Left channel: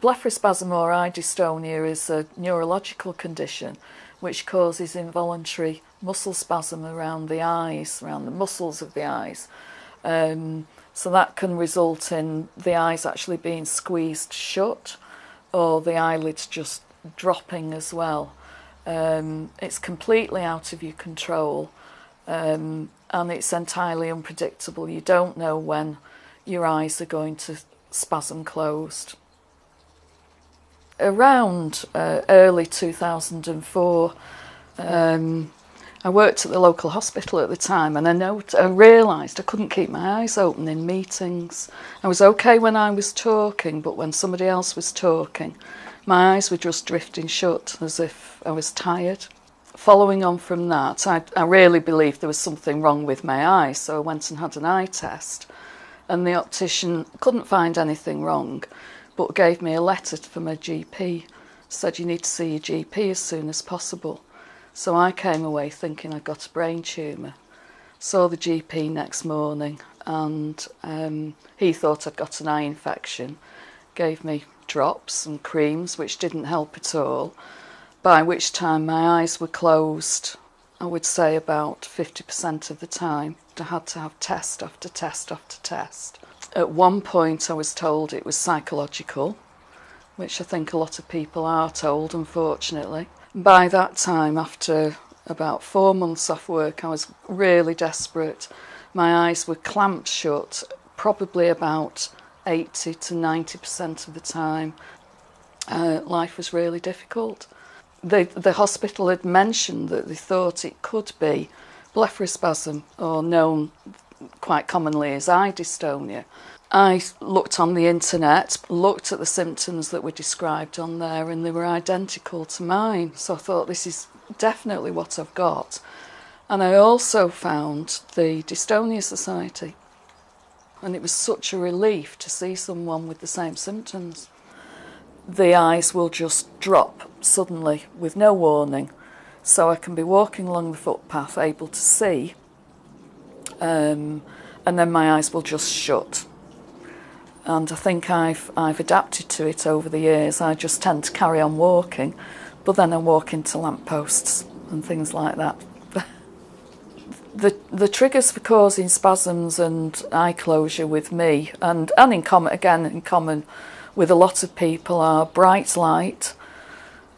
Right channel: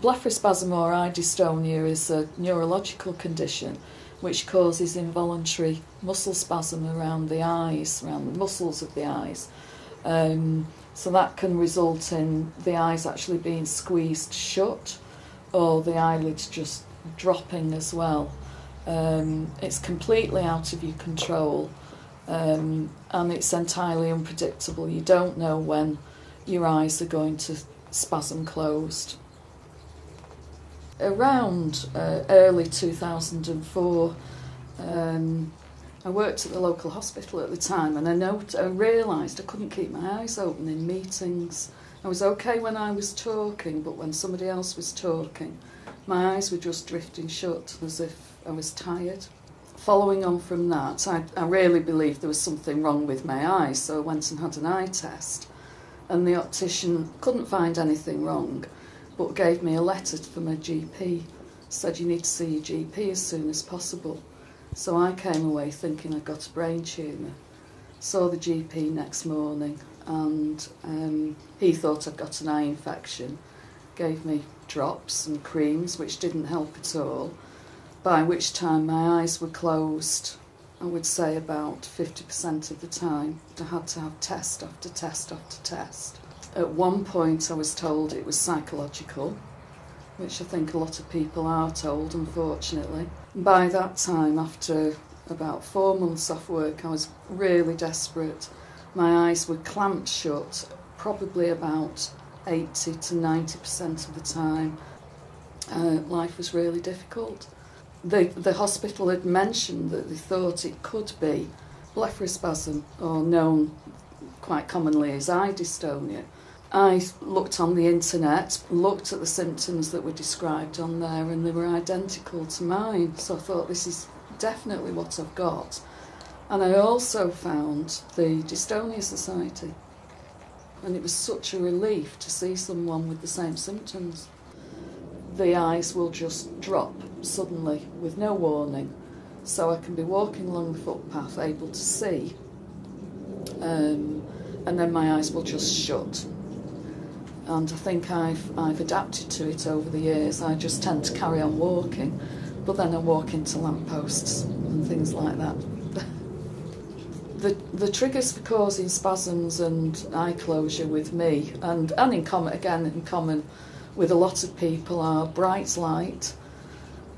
Blepharospasm or eye dystonia is a neurological condition which causes involuntary muscle spasm around the eyes, around the muscles of the eyes. So that can result in the eyes actually being squeezed shut or the eyelids just dropping as well. It's completely out of your control, and it's entirely unpredictable. You don't know when your eyes are going to spasm closed. Around early 2004, I worked at the local hospital at the time, and I realised I couldn't keep my eyes open in meetings. I was okay when I was talking, but when somebody else was talking, my eyes were just drifting shut as if I was tired. Following on from that, I really believed there was something wrong with my eyes, so I went and had an eye test, and the optician couldn't find anything wrong, but gave me a letter from a GP, said you need to see your GP as soon as possible. So I came away thinking I'd got a brain tumour. Saw the GP next morning, and he thought I'd got an eye infection, gave me drops and creams which didn't help at all, by which time my eyes were closed, I would say about 50% of the time. I had to have test after test after test. At one point I was told it was psychological, which I think a lot of people are told, unfortunately. By that time, after about 4 months off work, I was really desperate. My eyes were clamped shut, probably about 80 to 90% of the time. Life was really difficult. The hospital had mentioned that they thought it could be blepharospasm, or known quite commonly as eye dystonia. I looked on the internet, looked at the symptoms that were described on there, and they were identical to mine. So I thought, this is definitely what I've got. And I also found the Dystonia Society. And it was such a relief to see someone with the same symptoms. The eyes will just drop suddenly with no warning. So I can be walking along the footpath, able to see, and then my eyes will just shut. And I think I've adapted to it over the years. I just tend to carry on walking, but then I walk into lampposts and things like that. The triggers for causing spasms and eye closure with me, and in common with a lot of people, are bright light,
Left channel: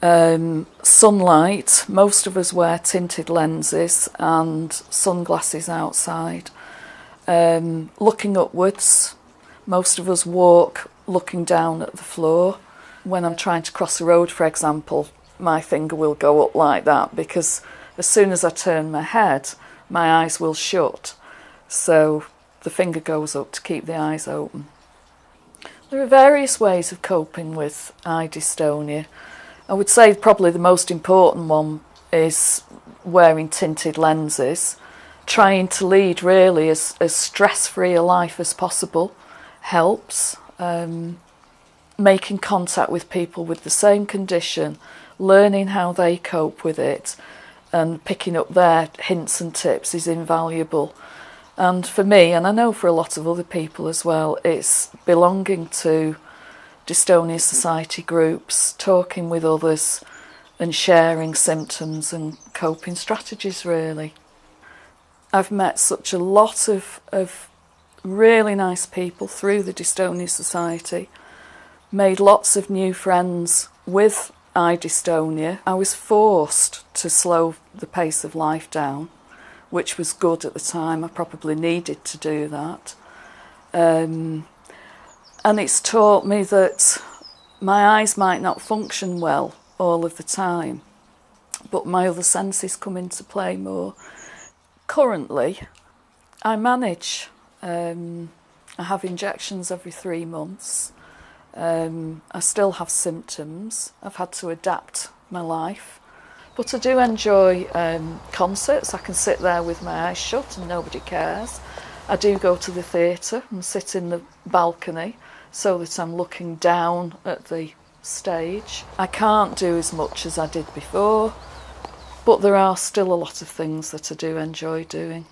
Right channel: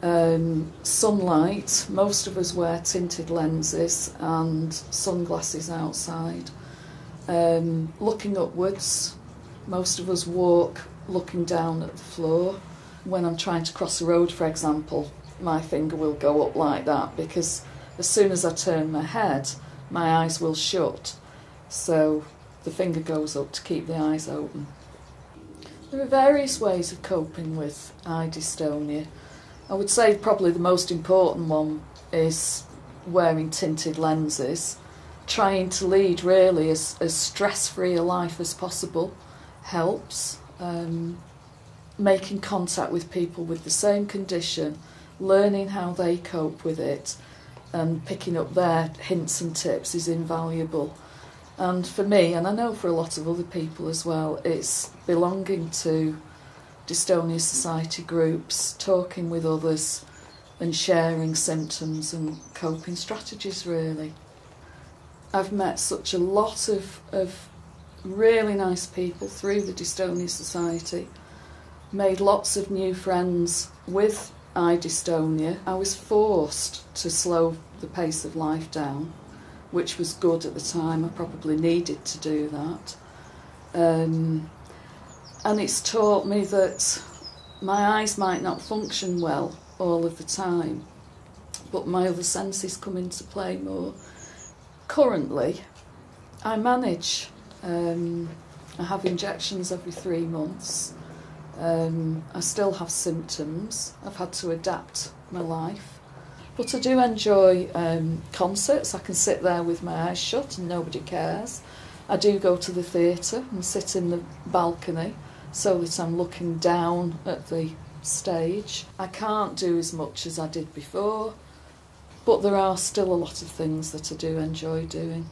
sunlight. Most of us wear tinted lenses and sunglasses outside. Looking upwards. Most of us walk looking down at the floor. When I'm trying to cross a road, for example, my finger will go up like that, because as soon as I turn my head, my eyes will shut. So the finger goes up to keep the eyes open. There are various ways of coping with eye dystonia. I would say probably the most important one is wearing tinted lenses, trying to lead really as stress-free a life as possible. Helps. Making contact with people with the same condition, learning how they cope with it, and picking up their hints and tips is invaluable. And for me, and I know for a lot of other people as well, it's belonging to Dystonia Society groups, talking with others and sharing symptoms and coping strategies, really. I've met such a lot of really nice people through the Dystonia Society, made lots of new friends with eye dystonia. I was forced to slow the pace of life down, which was good at the time. I probably needed to do that. And it's taught me that my eyes might not function well all of the time, but my other senses come into play more. Currently, I manage. I have injections every 3 months. I still have symptoms. I've had to adapt my life. But I do enjoy concerts. I can sit there with my eyes shut and nobody cares. I do go to the theatre and sit in the balcony so that I'm looking down at the stage. I can't do as much as I did before, but there are still a lot of things that I do enjoy doing.